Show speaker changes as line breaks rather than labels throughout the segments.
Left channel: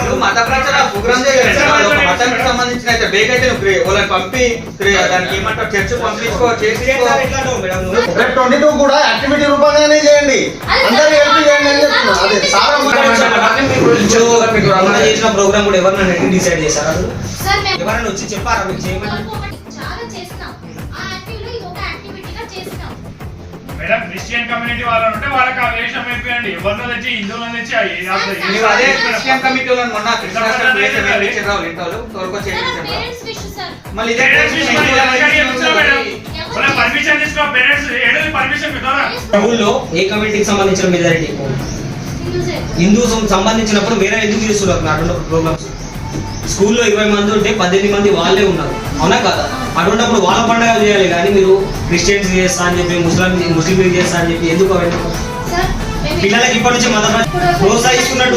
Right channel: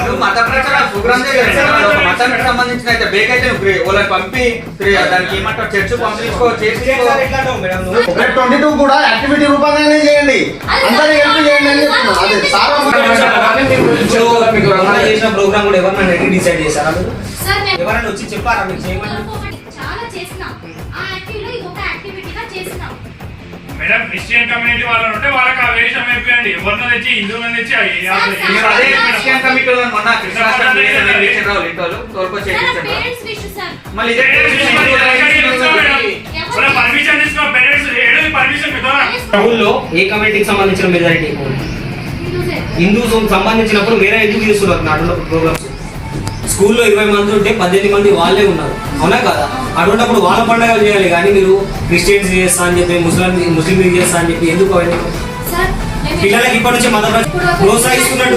నువ్వు మత ప్రచార ప్రోగ్రామ్ చేయాలి మతానికి సంబంధించిన అయితే బేగ్ అయితే నువ్వు వాళ్ళని పంపి దానికి ఏమంటావు? చర్చ్ పంపించుకో చేసి
ఒక ట్వంటీ టూ కూడా యాక్టివిటీ రూపంగానే చేయండి. అందరూ హెల్ప్ చేయండి అని చెప్తున్నా. అదే సార్
చేసిన ప్రోగ్రామ్ కూడా ఎవరినైనా రెడ్డి డిసైడ్ చేశారా ఎవరైనా వచ్చి చెప్పారా మీకు చేయమని?
చాలా చేసినాం. ఆ ఒక యాక్టివిటీగా చేసినాం.
మేడం క్రిస్టియన్ కమ్యూనిటీ వాళ్ళు ఉంటే వాళ్ళకి ఆ వేషం అయిపోయండి ఎవరినో తెచ్చి హిందువులను తెచ్చి
అదే క్రిస్టియన్ మొన్న కృష్ణాష్టమి వేషం వేయించారు వాళ్ళు ఇంట్లో చేయించారు
విష్ సార్
మళ్ళీ ఇదే
పర్మిషన్ తీసుకున్న పేరెంట్స్ ఏడు పర్మిషన్ మీ ద్వారా
ఊళ్ళో ఏ కమ్యూనిటీకి సంబంధించిన మెజారిటీ
హిందూసే.
సంబంధించినప్పుడు వేరే ఎందుకు చేస్తున్నారు? అటువంటి ప్రోగ్రామ్స్ స్కూల్లో ఇరవై మంది ఉంటే పద్దెనిమిది మంది వాళ్ళే ఉన్నారు. అవునా కదా? అటువంటిప్పుడు వాళ్ళ పండుగలు చేయాలి కానీ మీరు క్రిస్టియన్స్ చేస్తా అని చెప్పి ముస్లిం ముస్లిం చేస్తా అని చెప్పి ఎందుకు అవన్నీ పిల్లలకి ఇప్పటి నుంచి మత
చేస్తున్నాం.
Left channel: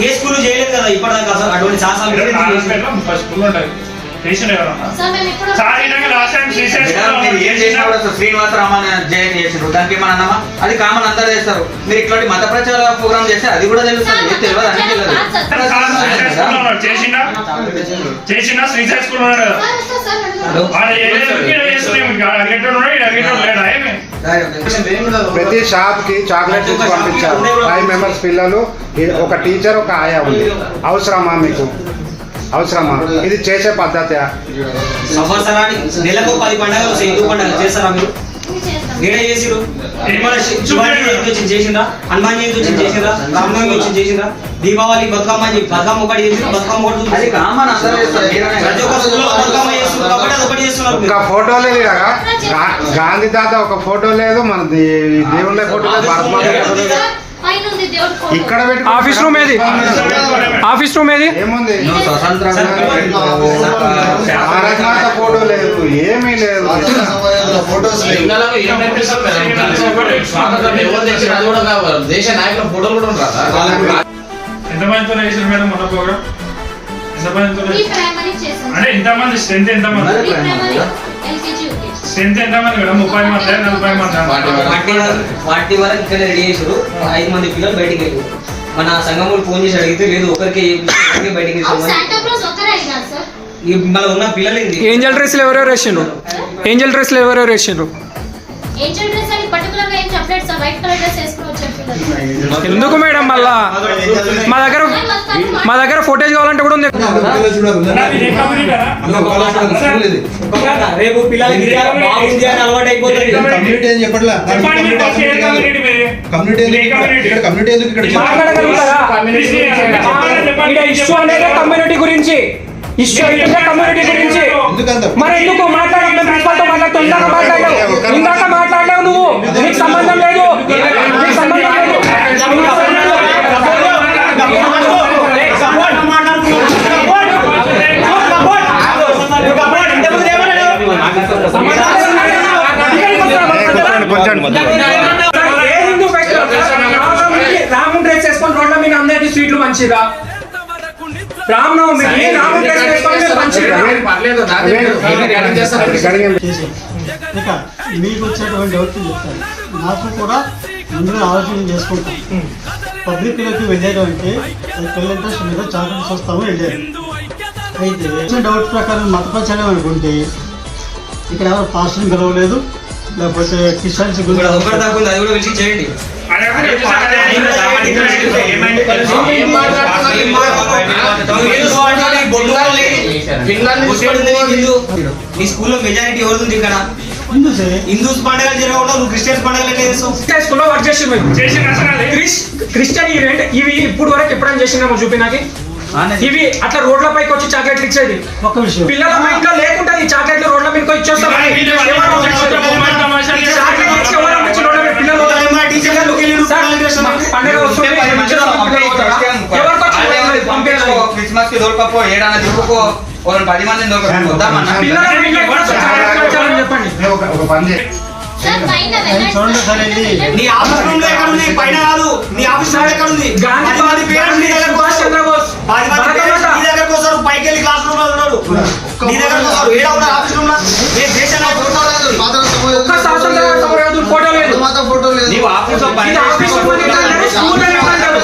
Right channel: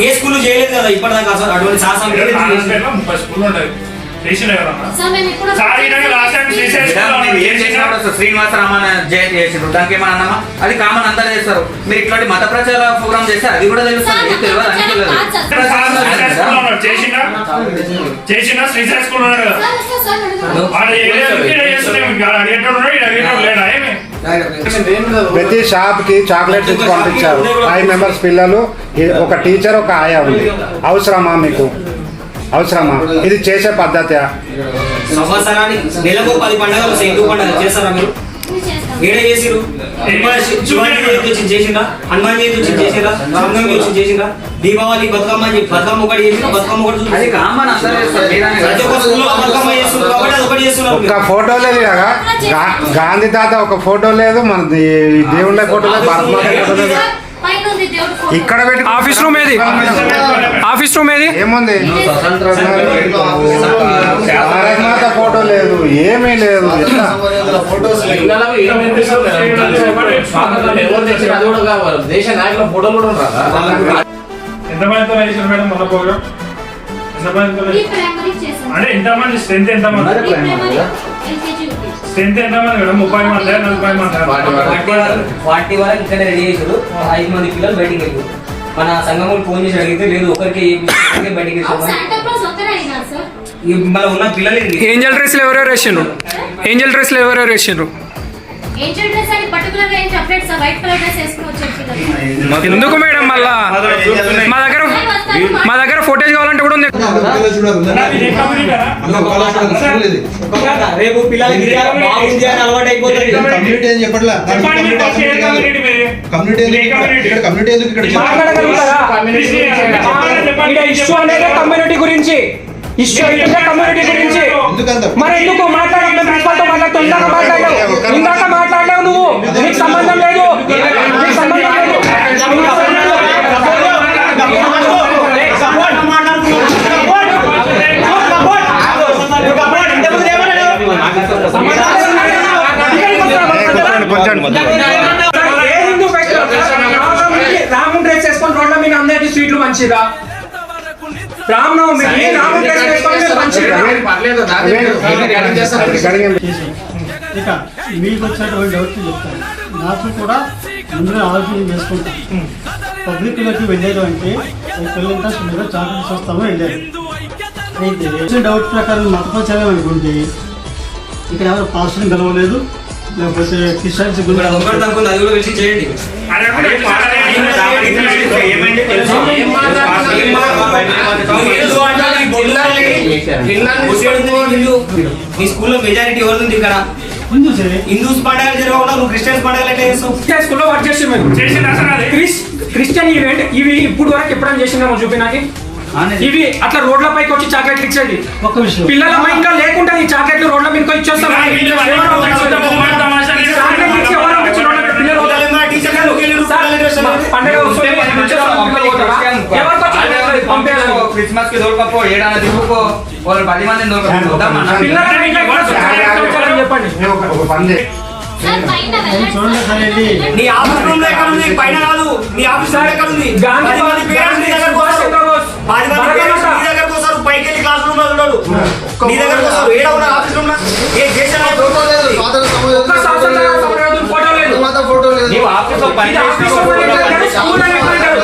ఏ స్కూల్ చేయలేదు కదా ఇప్పటిదాకా అసలు అటువంటి శాసనం
శ్రీనివాస రామన్ జయంతి చేసిండ్రు దానికి ఏమన్నా అన్నామా అది కామన్ అందరూ చేస్తారు మీరు ఇట్లాంటి మత ప్రచార ప్రోగ్రామ్ చేస్తే అది కూడా తెలుస్తుంది తెలియదు అన్ని తెలియదు
ప్రతి షాప్కి చాక్లెట్ పంపించారు ఫైవ్ మెంబర్స్ పిల్లలు ఒక టీచర్ ఒక ఆయా ఉంది అవసరమా మీకు అవసరమా? ఇది చేసే పద్ధతి
సంవత్సరానికి నెలకు పది పండుగలు వస్తాయి. హిందూ పండుగ చేస్తారా మీరు?
ఇది చేస్తాం.
నేనే చేసిరు శివాజీ జయంతి వచ్చి చేసిందా హనుమాన్ జయంతి వచ్చి చేసిందా రామనవమి వచ్చి చేసిందా దీపావళి బతుకమ్మ బతుకమ్మ ఒకటి చేసిందా బతుకమ్మ ఒకటి
అది? కామన్
ప్రతి ఒక్క
కాదు.
స్కూల్లో బతుకమ్మ చేస్తున్నారు కాబట్టి అది ఒకటి చేస్తున్నారు
ఒక. ఫోటో లేదు కదా? గాంధీ తాత ఒక ఫోటో లేదు మన దే- దేవుళ్ళ ఫోటో ఇక్కడ పెట్టి
ఆఫీస్ రూమ్ ఏది? ఆఫీస్ రూమ్ ఏది?
ఏముంది?
స్వతంత్ర
ఫోటో లేదు. ఏమీ లేదు.
దేశ నాయకుల ఫోటోలు కూడా
ఎంతమందితో మేడం మన ప్రోగ్రామ్ ఎంతమందితో
ఈ ప్రైమరీ చేసాం
అంటే ఎంతమంది స్ట్రెంత్ ఎంతమంది? స్ట్రెంత్ ఎంతమంది మేడం ముప్పై మంది నలభై మంది.
వాటి వరకు.
ఫార్టీ వరకు- ఫార్టీ వరకు ఇక్కడ రెడీ చేసారు ఐదు మంది పిల్లలు బయటికి మన సంఘములు ఫోన్ చేసి అడిగితే లేదు ఒకరికి బయటికి మన ఉన్న పిల్లలు
ఏంజల్ డ్రెస్లు ఎవరెవరు వేసిండ్రు? ఏంజల్ డ్రెస్లు ఎవరెవరు వేసిండ్రు? ఎందుకు మేడం మళ్ళా? మా దగ్గర మా దగ్గర ఫోటేజ్ కావాలంటే కూడా ఉంది?
రేపు పిల్లలకి అలవాటు అయిపోతుంది
కమ్యూనిటీ
గురించి. ఇష్యూ కమ్యూనిటీ గురించి. మరి ఎందుకు? మాట్లాడడం ప్రిన్సిపల్తో మాట్లాడుతూ ఇందాక మాట్లాడలేవు ఇందాక నువ్వు నీకు సంబంధం లేదు. నీకు సంబంధం రాముని డ్రెస్ వేసుకొని రోడ్ల మీద అందరికి స్వీట్లు మంచిదా రామనవమికి రాముని డ్రెస్ వేసుకొని మంచిదా
ఇక మీకు వచ్చేటువంటి డౌట్ చెప్తాను. నాకు కూడా ముందు ఆలోచన చేసుకుంటాను పబ్లిక్లోకి వెళ్ళారు అంటే పిల్లల ఇంట్రెస్ట్ మీద చాకరీస్ వస్తాము వెళ్ళారు అయితే వచ్చిన డౌట్ ప్రకారం మత ప్రచారం అనుకుంటే ఇక్కడ ఎవరు పాస్టర్ని గెలవలేదు లేకపోతే క్రిస్టియన్స్
చేయండి. మీ స్కూల్లో మెజారిటీ ఎవరు ఉంది ఇక్కడ? హిందూస్ పండుగలు జరగకుండా నువ్వు క్రిస్టియన్స్ పండుగలు ఎట్లా చేస్తావు
స్కూల్లో వర్క్ చేసి మీరు క్రిస్టియన్ ఈవెంట్ ఇవి ఇప్పుడు వరకు ఎప్పుడైనా చేసిందేమో చూపి నాకు ఇవి అట్లా రోడ్ల పైకి వచ్చి చాక్లెట్ ఇచ్చేది
ఒక్క విషయం
పిల్లల మైండ్ లేకుండా ఈ చాక్లెట్లు రోడ్ల మీద పండగ పంపేయాలి.
క్రిస్మస్కి దొరకపో ఏడాది వాళ్ళని పది మందిని దొరకపో
చెప్పండి.
నేను ఒక- ఒక పని చేయి.
సార్ పైన
నేను చూడండి సార్ ఇది.
నీ ఆఫీస్ రూమ్లో ఎక్కడ ఉంది? పైన కాదు. నీ ఆఫీస్ రూమ్ ఎక్కడ ఉంది?
గాంధీ
పది మంది పేరెంట్స్ నీ దగ్గరకు
సుభాష్
వస్తారు.
చంద్రబోస్.
పది మంది పేరెంట్స్ నీ దగ్గరకు వస్తారు పైకి వెళ్ళి క్లాస్ రూమ్లో ఉన్నాడు. నీ దగ్గరకు వస్తారు ఏడా ఉన్నారు ఆఫీస్ రూమ్లో? ఏ దేశ?
ఫోటో లేదు స్వాతంత్ర సమయం
ఒక్క స్వాతంత్ర సమరయోధుల ఫోటో లేదు.
మాత ఫోటో లేదు.
నీవు
సో పని
ఇది ఆఫీస్
చేసిన
రూమ్ అని ఎట్లా అంటారు? స్కూల్ అని ఎట్లా అంటారు?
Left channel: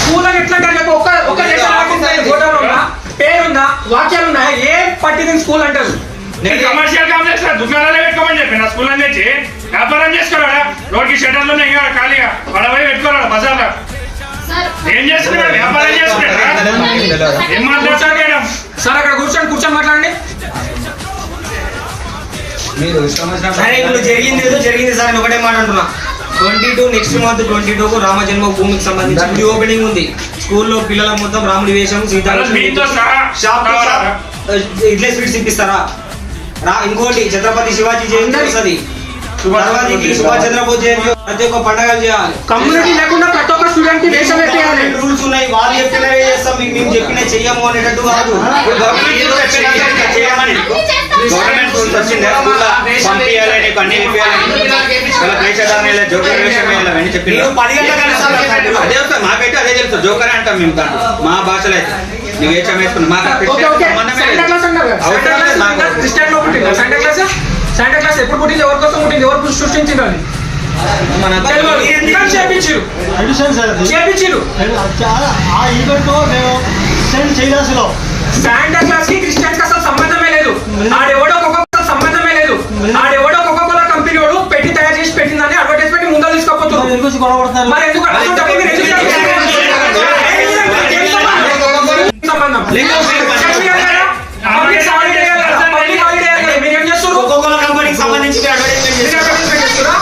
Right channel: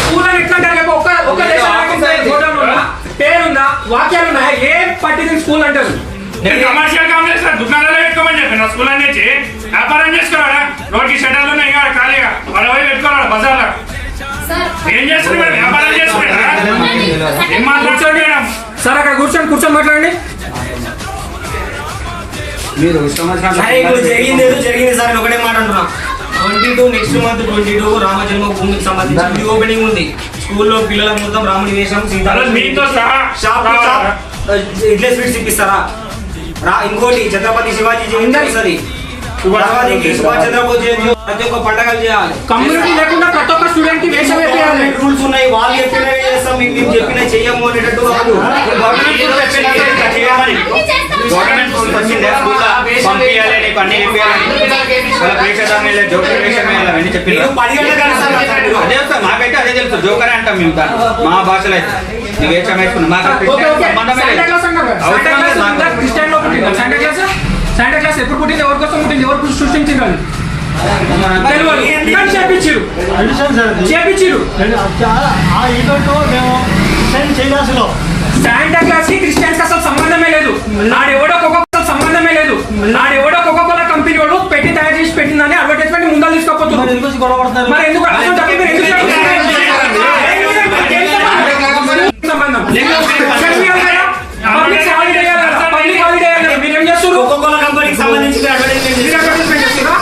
స్కూల్ అని ఎట్లా అంటారు? చెప్పు, ఒక్క ఒక్క దేశం ఫోటోలు ఉందా? పేరుందా? వాక్యాలు ఉన్నాయా ఏం పట్టింది స్కూల్ అంటారు?
నేను కమర్షియల్ కాంప్లెక్స్లో దుకాణాలు పెట్టుకోమని చెప్పి నా స్కూల్ అని తెచ్చి వ్యాపారం చేసుకోరా రోడ్కి షట్టర్లు ఉన్నాయి. ఇక ఖాళీగా. వాళ్ళ పోయి పెట్టుకోరా బజార్లో? ఏం చేస్తున్నాడు వ్యాపారం చేస్తున్నాడా ఏం మాట్లాడతాడు మేడం
సార్ అక్కడ కూర్చొని కూర్చొని మాట్లాడండి.
మీరు
ఇప్పుడు జరిగింది ఏదో జరిగింది సార్ నేను ఒకటే మాట అంటున్నా. Twenty two next month twenty two Rama జన్మభూమికి సంబంధించి ఓపెనింగ్ ఉంది. స్కూల్లో పిల్లలకు మొత్తం రాముడి వేషం సీతా
అలా మీతో సహా
shop to shop idli sweets ఇప్పిస్తారా? రా ఇంకోటి ఛత్రపతి శివాజీ జయంతి వస్తుంది. సుభాష్ చంద్రబోస్ జయంతి ప్రతి ఒక్క పండగలు చేయాలి.
కమ్యూనిటీ లేకుండా ప్రతి ఒక్క స్టూడెంట్కి వేషం వేయాలి
రూల్స్ ఉన్నాయి. వాళ్ళు చెప్పినవే చేస్తాం. మీకు మేము చెప్పిన చెయ్యము అనేటట్టు కాదు. గవర్నమెంట్ చెప్పినట్టు చేయమని.
అన్ని చేస్తాం. సార్.
గవర్నమెంట్ రూల్స్ వచ్చిందా స్కూల్లో పంపించాలి నీకు అన్ని ఇప్పించాలి వాళ్ళ వేషధారణ లేదు జోకర్ వేషం వేయాలి అవన్నీ చెప్పి
మీరు పది గంటల కన్నా
అదే వస్తుంది. మాకైతే అదే తెలుసు. జోకరే అంటాం మేము దాన్ని. మా భాషలో అయితే. నువ్వు వేషం వేసుకున్నావు మాకు క్రిస్టియన్ సంబంధమే లేదు. అవసరం లేదు మాకు.
క్రిస్టియన్ పుట్టిందా? శాంటా క్లాస్ శాంటా క్లాస్ ఎప్పుడు పుట్టింది? ఎవరి కోసం పుట్టింది? ఎవరు సృష్టించింది అని. తెలియదు ఎందుకని చేపించారు
ఎడిషన్ సార్ అది.
చేపించారు
చాలా- ఆ ఈవెంట్ మేము సెండ్
శాంటా క్లాస్కి క్రిస్టియన్స్కి అసలు సంబంధమే లేదు. ఆడెవడో ఒక్కొక్క సంబంధమే లేదు. ఆడెవడో ఒక్కొక్క కంపెనీ వాడు పెట్టి తయారు చేసి పెట్టిందని అడ్వర్టైజ్మెంట్ ముందర తీసుకోపోతున్నారు
ఎందుకు గొడవ పడతారు?
మరి ఎందుకు? అసలు డబ్బులు మీరు ఎందుకు సంబంధం
కంపెనీకి సంబంధించి అడ్వర్టైజ్మెంట్
మీరు advertisement చేస్తురా?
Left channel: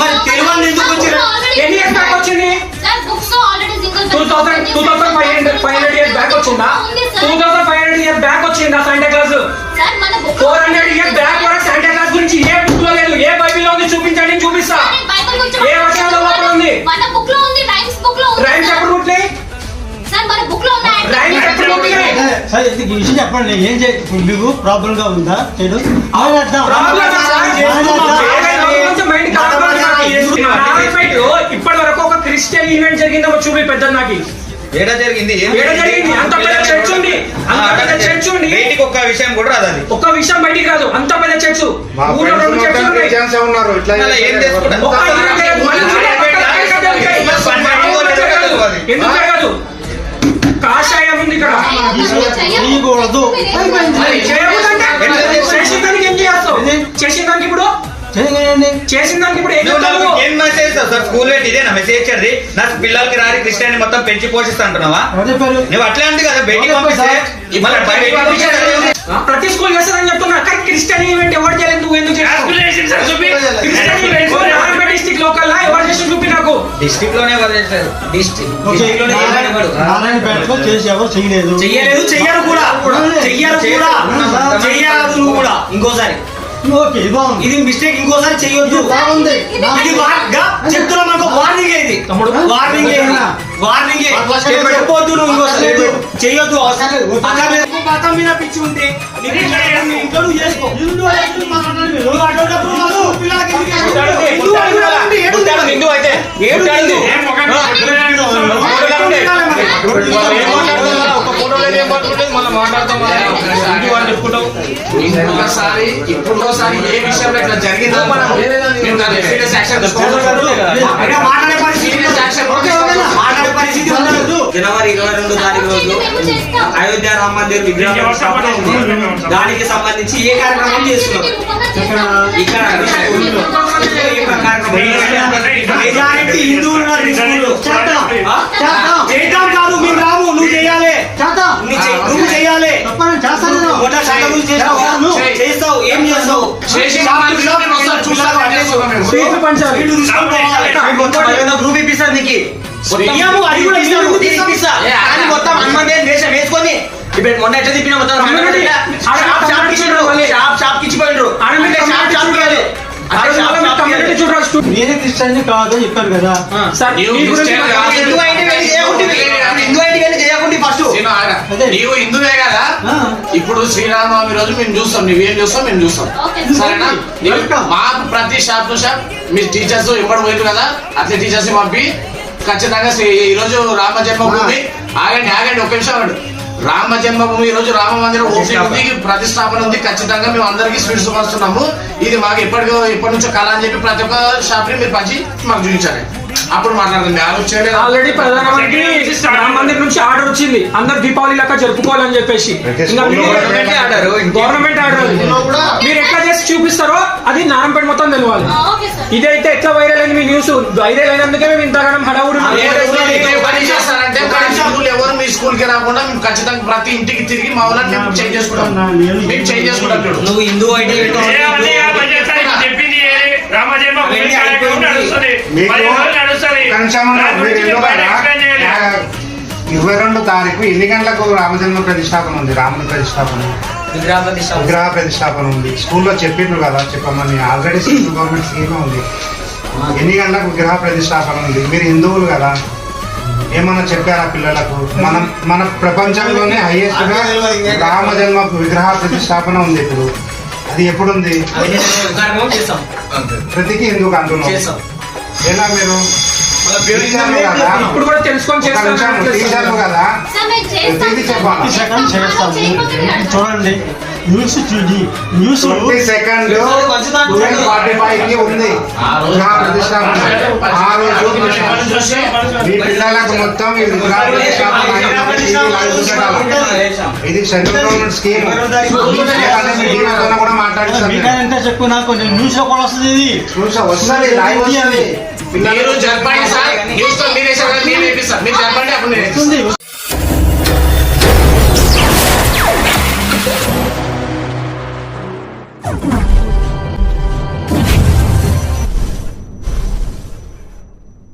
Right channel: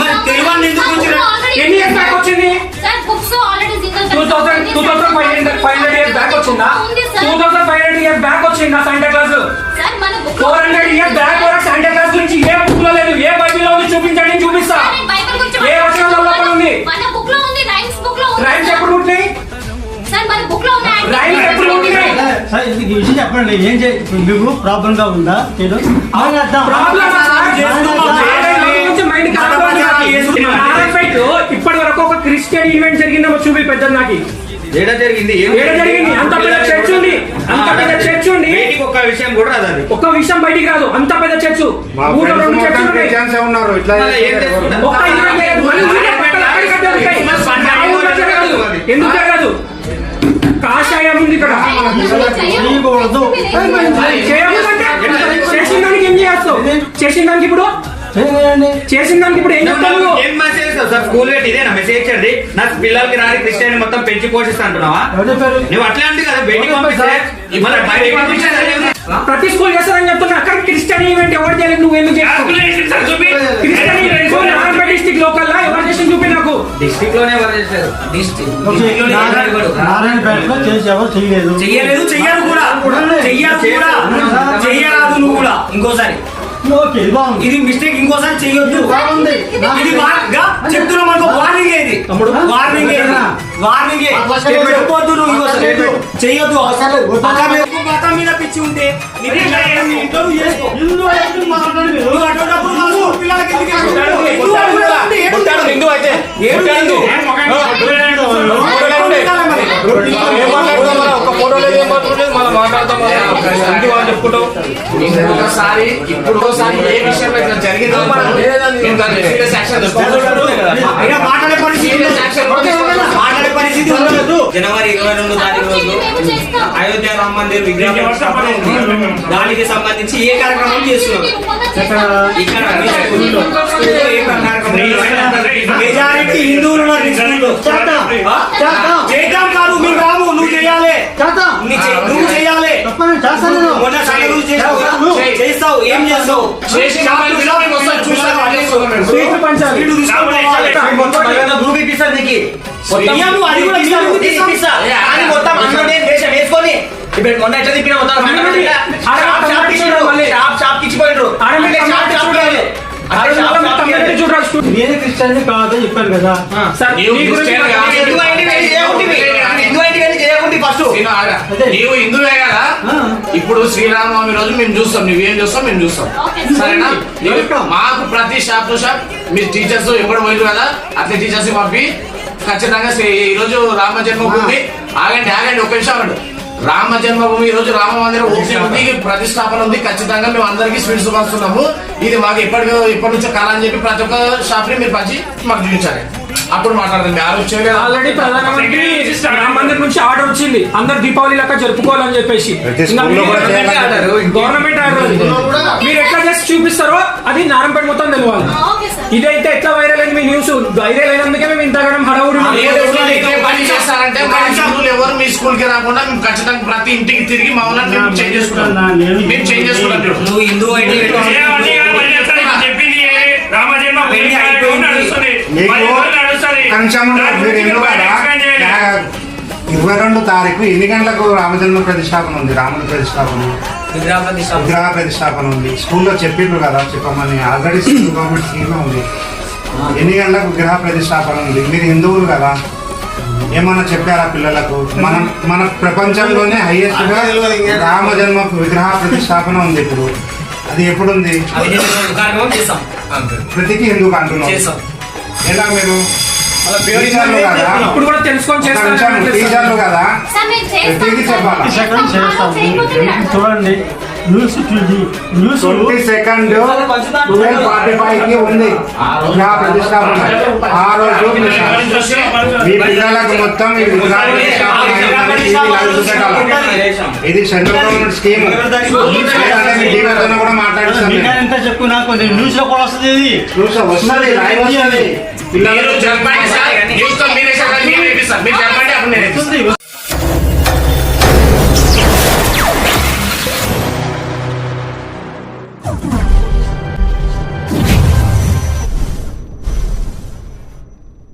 మరి తెలియని ఎందుకు వచ్చారు?
ఎన్ని ఇయర్స్ బ్యాక్ వచ్చింది
sir books already single
two thousand two thousand five hundred five hundred years back వచ్చిందా two thousand five hundred year back వచ్చిందా శాంటా క్లాస్
సార్ మన book
four hundred year back
sir
ఇది విషయం చెప్పండి ఏం ఇప్పుడు మీకు ప్రాబ్లం గా ఉందా? చేయడం
ఇప్పటి వరకు ఒక క్రిస్టియన్ ఈవెంట్ జరిగిందేమో చూపి పెద్ద నాకు.
ఏడ జరిగింది? ఏం
ఏడ జరిగింది? అంత పెద్ద చర్చ్ ఉంది. అంత పెద్ద చర్చ్ ఉంది.
బయటికి ఒక్క విషయం కూడా రాదు అది
ఒక్క విషయం బయటికి రాదు. అంత పెద్ద చర్చ్. ఊళ్ళో రెండు
ఉన్నారు. ఇట్లా
ఏం చేసుకుంటారు?
చేయకూడదు.
చేసిన దానికి ఏం చేస్తావు? చేసిన దానికి ఇప్పుడు? చేసిన దానికి ఇప్పుడు ఏం చెప్తావు
మెసేజ్ సార్ స్కూల్ పెట్టి ఇదేనా? మెసేజ్ ఇచ్చేది? నా పిల్లలకి రాని క్రిస్టియన్ మొత్తం పెంచి పోషిస్తా అంటున్నావా? నువ్వు అట్లా కదా బయటికి పంపిస్తే? మన బయటికి ఉంది.
ప్రతి స్కూల్ చేస్తారని చెప్తున్నా. అక్కడ క్రిస్టియన్ ఈవెంట్ ఎవరు చేయలేదు? నువ్వు ఎందుకు Christian event Narayanpet district local లా ఎవరు చేసి చూపి నాకు.
డిస్ట్రిక్ట్లోనే ఎవరు చేశారు?
ఓకే. నారాయణపేటలో చేసి ఎవరు చేయలేదు?
చెయ్యలేదు చెయ్యరు కూడా. చెయ్యరు కూడా. చెయ్యదు కూడా. ఇంకోసారి.
ఓకే బాగుంది
ఇది మిస్టేక్ ఇంకోసారి చెయ్యొద్దు
బాగుంది
ఇది చెప్తున్నా మనకు వార్నింగ్ ఇది. వార్నింగ్ వార్నింగ్ చెప్పొద్దు నువ్వు ఇంకోసారి చెయ్యొద్దు మతం మీద పిచ్చి ఉంటే ఇట్లా నువ్వు చేసుకో ఎందుకు? హిందూ
ఇంకొకసారి ఇప్పుడు ఒకసారి ఏ విషయంలో ఇట్లా జరిగిందా
మాట్లాడే పరిస్థితి ఉండదు. జనవరి ఇరవై రెండు తారీఖు రోజు అయోధ్య రామ మందిర్ విగ్రహం స్థాపన. దానికి సంబంధించి ఏ కార్యక్రమం చేస్తున్నాం? ఇక్కడ మెజారిటీ హిందువులు ఉన్నారు ఈ స్కూల్లో. ఆ? చేద్దాం కాదు మీరు రాదు నువ్వు చేయాలి. నువ్వు
చేస్తాను
చేస్తావు చేస్తావు? ఏం చేస్తావు?
అన్నీ.
స్వీట్లు పంచాలి.
మొత్తం హనుమంత్ వేషం వేసుకొని ఇప్పుడు మొన్న ఎట్లా తిప్పిన మొత్తం. షాప్ షాప్ ఇచ్చిపోయిండ్రు.
నేనే క్రిస్టియన్ కాదు చెప్పాను కదా.
నీవు హిందువే కదా? ఇప్పుడు శ్రీరామనవమి రోజు మేము చూస్తాం. నువ్వేం చూస్తాం మేము చూస్తాం. సరేనా? మాకు ప్రతి షాప్ టు షాప్ మీ టీచర్స్ ఎప్పుడు పోయింది కదా అట్లా టీచర్స్ పంపి ఖచ్చితంగా శ్రీ- ఈ రోజు రామ జన్మభూమి. ఆగండి ఆగండి ఒక నిమిషం ఆగండి. రామ జన్మభూమి ఈ రోజు రామ మందిరం ఓపెనింగ్ ఉంది ప్రతిష్టాపన ఉంది. ఖచ్చితంగా మేము అందరికీ స్వీట్స్ పంచుతున్నాము ఇది మాకు ఎప్పటి ఎప్పటి నుంచో కళ అని చెప్పి ప్రతి ఒక్క షాప్ని మీరు పంచి మాకు చూపించాలి. అప్పుడు మాట్లాడుతుంది ఆలోచన చేయలేదు?
ఆల్రెడీ ప్రధానమంత్రి రామ మందిర్ నుంచి ఆర్డర్ వచ్చింది. అందరు దీపావళి లెక్క జరుపుకోవాలని చెప్పేసి. Government order. మీరు ఎట్లా చేసి చూపిస్తారో అది నారంపేట మొత్తం తెలియాలి. ఇదైతే ఎట్లా వైరల్ అయింది మీ న్యూస్ వైరల్ అయినందుకే మేము ఇంతగానం హడావుడి
ఎవరు మీ స్కూల్కి రాకుండా మేము ఖచ్చితంగా ప్రతి ఇంటికి తిరిగి మా వాళ్ళని మేము చేంజ్ చేసుకుంటాం. మేము చేంజ్ చేసుకుంటాం.
నువ్వు హిందూ ఐడి
ఏ అన్నీ కాదు, చేస్తాను. ఇప్పుడు చెప్పింది నడుస్తుంది.
ఇరవై రెండు తారీఖు ఎన్ని గంటలకు రామచంద్ర ప్రతిష్టాపన ఉంది? రాముని ప్రతిష్టాపన విగ్రహ ప్రతిష్టాపన. ఉంది. స్కూల్లో చెప్పిండ్రు కదా చెప్పమని. ఆల్రెడీ స్కూల్ గవర్నమెంట్ స్కీమ్ ఉంది. ఎన్ని గంటలకు విగ్రహ ప్రతిష్టాపన ఉంది? మీరు హిందువులు కదా. ఏమన్నా చెప్పారా పిల్లలకు? మనం మన ప్రపంచంలోనే హైయెస్ట్గా రామ జన్మ విగ్రహ ప్రతిష్టాపన ఉంది ఇప్పుడు. అది ఎప్పుడుంది? ప్రతికి హిందూకు అంటున్నాం
చేస్తాం
ఎలా కదా?
ఇప్పుడు కూడా తెలుసుకొని చేస్తాను.
కదా?
మేము.
చూడండి. న్యూస్ చూసి న్యూస్
సెకండ్ ట్వెల్వ్ ఫార్టీ ఫైవ్కి ఉంది విగ్రహ ప్రతిష్టాపన. ఆ రోజు మీ పిల్లలకు మొత్తం. ఇది సెంట్రల్ గవర్నమెంట్ స్కీమ్ లేదంటే మీ టీవీతో కూడా మాట్లాడిస్తాను
ఇంకా ఎంత చెప్పుకున్నా కొన్ని న్యూస్లో కూడా వస్తుంది ఇది.
చూసా వస్తుంది లైవ్ వస్తుంది.
మీరు చెప్పండి సార్ న్యూస్తో మీరే చెప్పండి అప్పుడు నేను.